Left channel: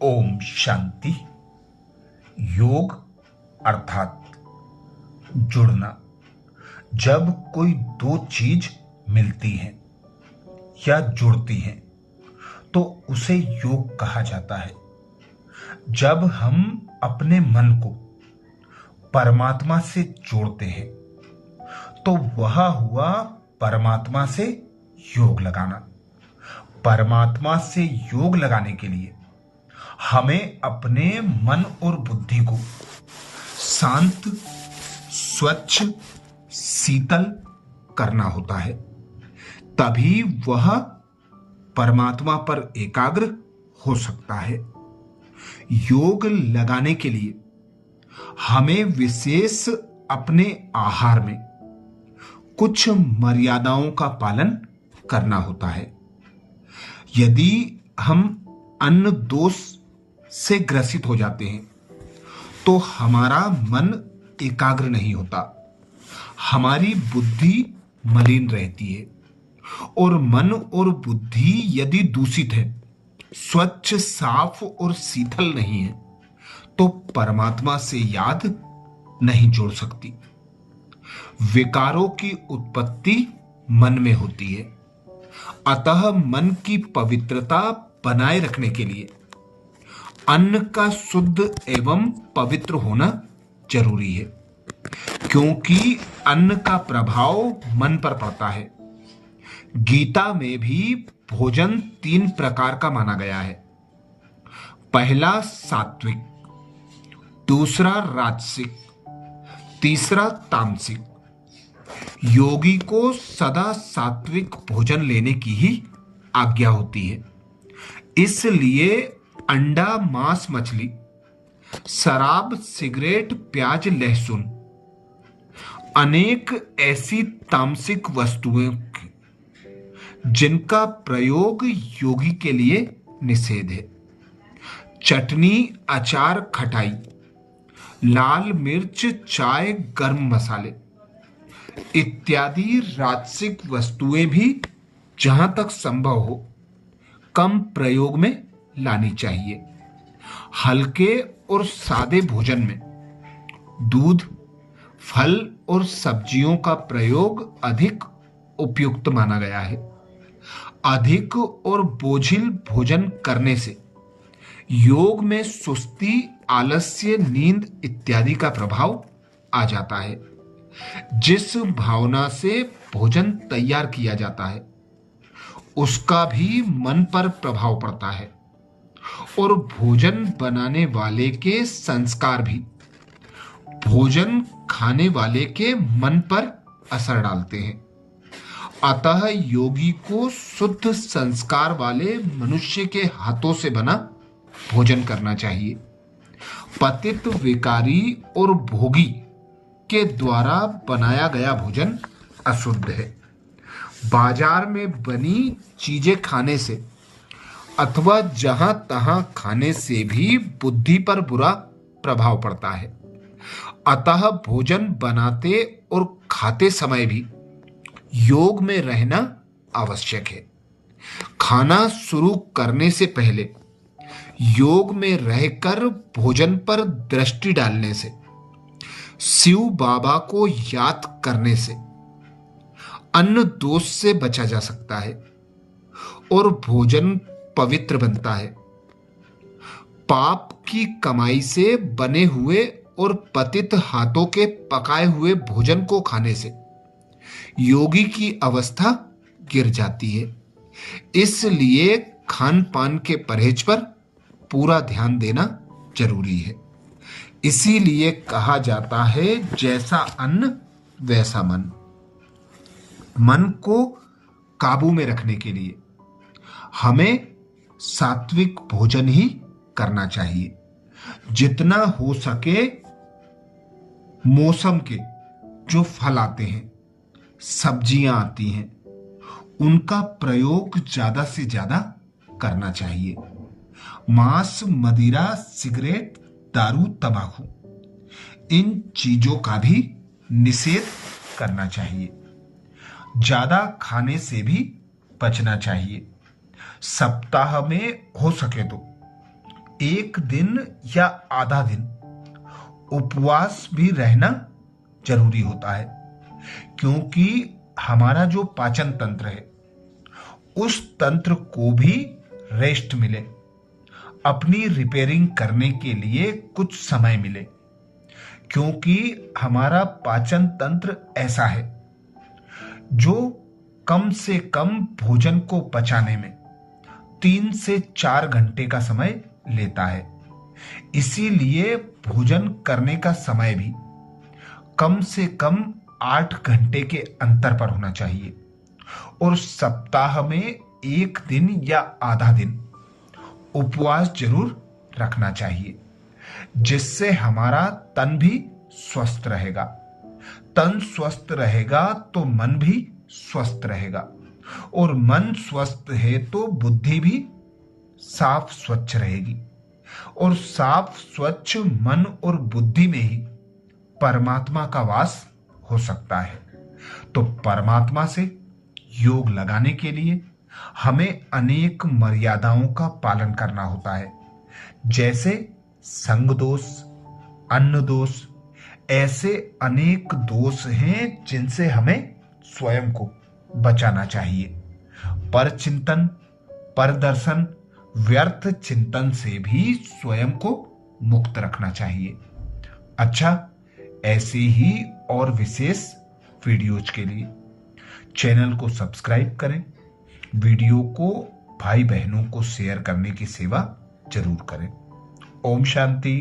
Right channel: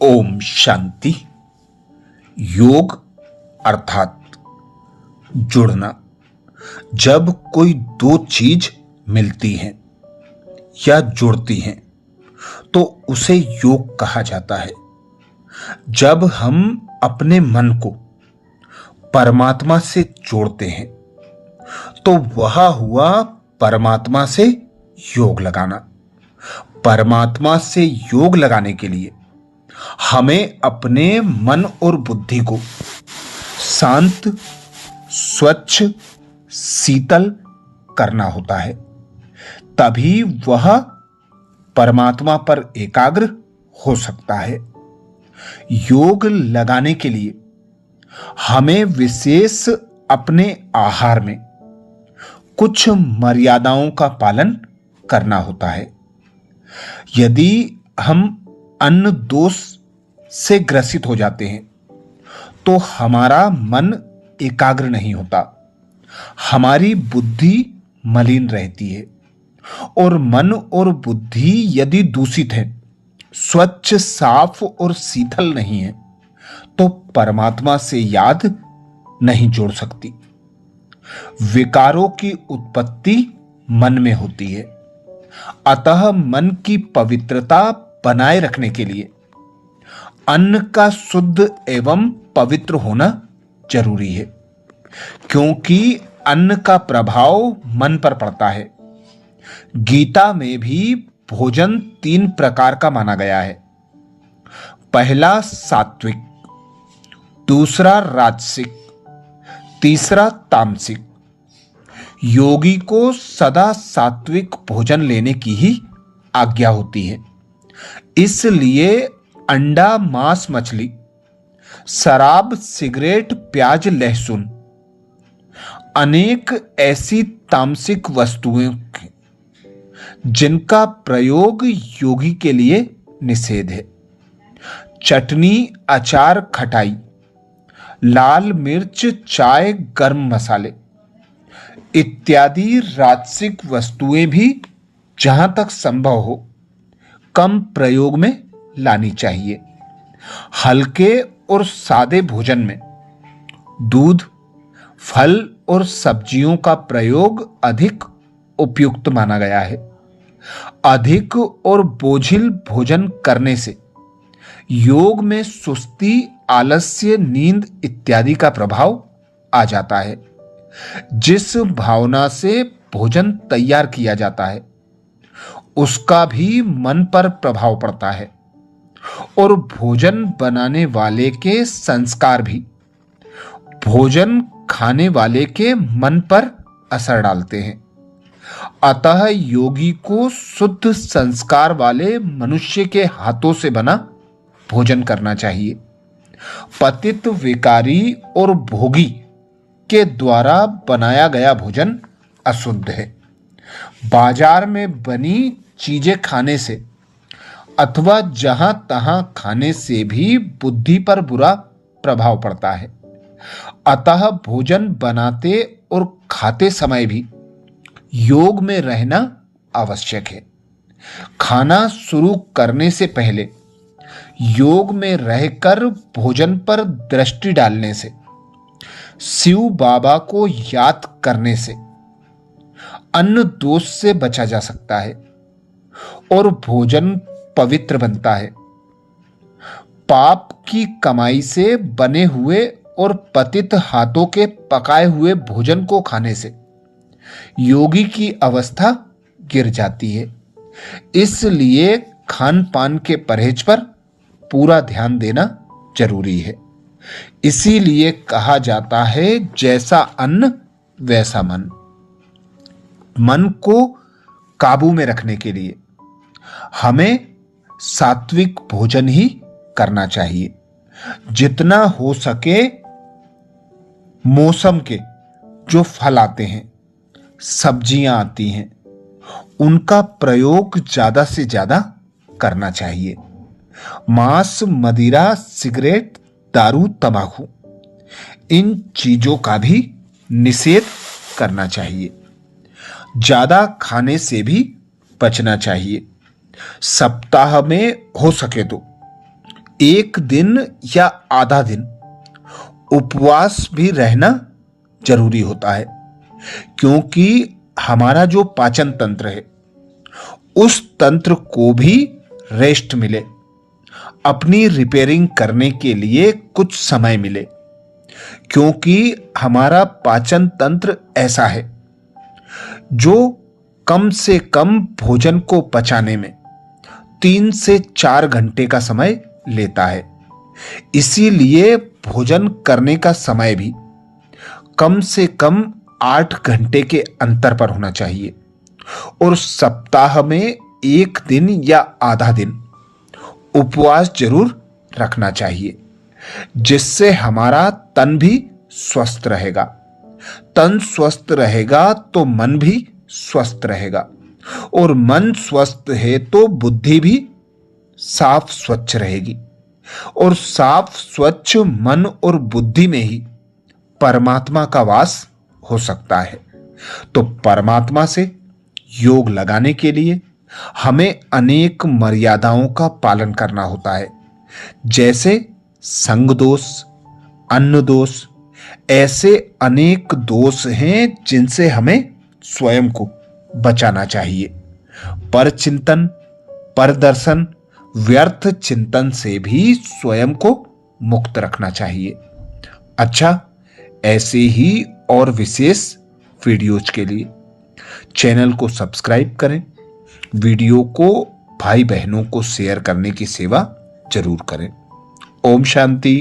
ओम शांति। योग अर्थात जुड़ना। जब कोई दो चीज मिलती हैं या जुड़ती हैं तो उसे योग कहा जाता है। जब हम अपने मन को परमात्मा से जोड़ते हैं तो वह हुआ परमात्मा से योग लगाना। परमात्मा से योग लगाने के लिए हमें अपने मन और बुद्धि को शांत, स्वच्छ, शीतल करना होता है। तभी वह परमात्मा पर एकाग्र हो सकता है। योग लगाने के लिए हमें विशेष अपने आहार में कुछ मर्यादाओं का पालन करना होता है। यदि हम अन्न दोष से ग्रसित हो जाते हैं तो हमारा मन एकाग्र नहीं होता, हमारी बुद्धि मलिन रहती है। और मन और बुद्धि यदि दूषित है, स्वच्छ, साफ और शीतल नहीं है तो परमात्मा से याद नहीं जोड़ सकती। विकारों की उत्पत्ति मन में होती है। अतः मन की पवित्रता बनाए रखने के लिए अन्न का शुद्ध एवं पवित्र होना जरूरी है, क्योंकि अन्न का प्रभाव मन पर पड़ता है। गीता में भी भोजन 3 प्रकार का माना गया है। पहला सात्विक, दूसरा राजसिक, तीसरा तामसिक। योगी को सदा सात्विक भोजन लेने की ही आज्ञा होती है। इसलिए अंडा, मांस, मछली, शराब, सिगरेट, प्याज, लहसुन, अनेक ऐसी तामसिक वस्तुएं जिनका प्रयोग योगी के लिए निषेध है। चटनी, अचार, खटाई, लाल मिर्च, चाय, गर्म मसाले इत्यादि राजसिक वस्तुएं भी जहां तक संभव हो कम प्रयोग में लानी चाहिए। हल्के और सादे भोजन में दूध, फल और सब्जियों का प्रयोग अधिक उपयुक्त माना गया है। अधिक और बोझिल भोजन करने से योग में सुस्ती, आलस्य, नींद इत्यादि का प्रभाव आ जाता है। जिस भावना से भोजन तैयार किया जाता है उसका भी मन पर प्रभाव पड़ता है, और भोजन बनाने वाले के संस्कार भी भोजन खाने वाले के मन पर असर डालते हैं। अतः योगी को शुद्ध संस्कार वाले मनुष्य के हाथों से बना भोजन करना चाहिए। पतित, विकारी और भोगी के द्वारा बनाया गया भोजन अशुद्ध है। बाजार में बनी चीजें खाने से अथवा जहां तहां खाने से भी बुद्धि पर बुरा प्रभाव पड़ता है। अतः भोजन बनाते और खाते समय भी योग में रहना आवश्यक है। खाना शुरू करने से पहले योग में रहकर भोजन पर दृष्टि डालने से, शिव बाबा को याद करने से अन्न दोष से बचा जा सकता है और भोजन पवित्र बनता है। पाप की कमाई से बने हुए और पतित हाथों के पकाए हुए भोजन को खाने से योगी की अवस्था गिर जाती है। इसलिए खान पान के परहेज पर पूरा ध्यान देना जरूरी है। इसीलिए कहा जाता है, जैसा अन्न वैसा मन। मन को काबू में रखने के लिए हमें सात्विक भोजन ही करना चाहिए। जितना हो सके मौसम के जो फल आते हैं, सब्जियां आती हैं, उनका प्रयोग ज्यादा से ज्यादा करना चाहिए। मांस, मदिरा, सिगरेट, दारू, तंबाकू इन चीजों का भी निषेध करना चाहिए। ज्यादा खाने से भी बचना चाहिए। सप्ताह में हो सके तो एक दिन या आधा दिन उपवास भी रहना जरूरी होता है, क्योंकि हमारा जो पाचन तंत्र है उस तंत्र को भी रेस्ट मिले, अपनी रिपेयरिंग करने के लिए कुछ समय मिले। क्योंकि हमारा पाचन तंत्र ऐसा है जो कम से कम भोजन को पचाने में 3 से 4 घंटे का समय लेता है। इसीलिए भोजन करने का समय भी कम से कम 8 घंटे के अंतर पर होना चाहिए और सप्ताह में एक दिन या आधा दिन उपवास जरूर रखना चाहिए, जिससे हमारा तन भी स्वस्थ रहेगा। तन स्वस्थ रहेगा तो मन भी स्वस्थ रहेगा, और मन स्वस्थ है तो बुद्धि भी साफ स्वच्छ रहेगी, और साफ स्वच्छ मन और बुद्धि में ही परमात्मा का वास हो सकता है। तो परमात्मा से योग लगाने के लिए हमें अनेक मर्यादाओं का पालन करना होता है, जैसे संग दोष, अन्न दोष। ऐसे अनेक दोष हैं जिनसे हमें स्वयं को बचाना चाहिए। पर चिंतन, पर दर्शन, व्यर्थ चिंतन से भी स्वयं को मुक्त रखना चाहिए। अच्छा, ऐसे ही और विशेष वीडियोज के लिए चैनल को सब्सक्राइब करें, वीडियो को भाई बहनों को शेयर करने की सेवा जरूर करें। ओम शांति।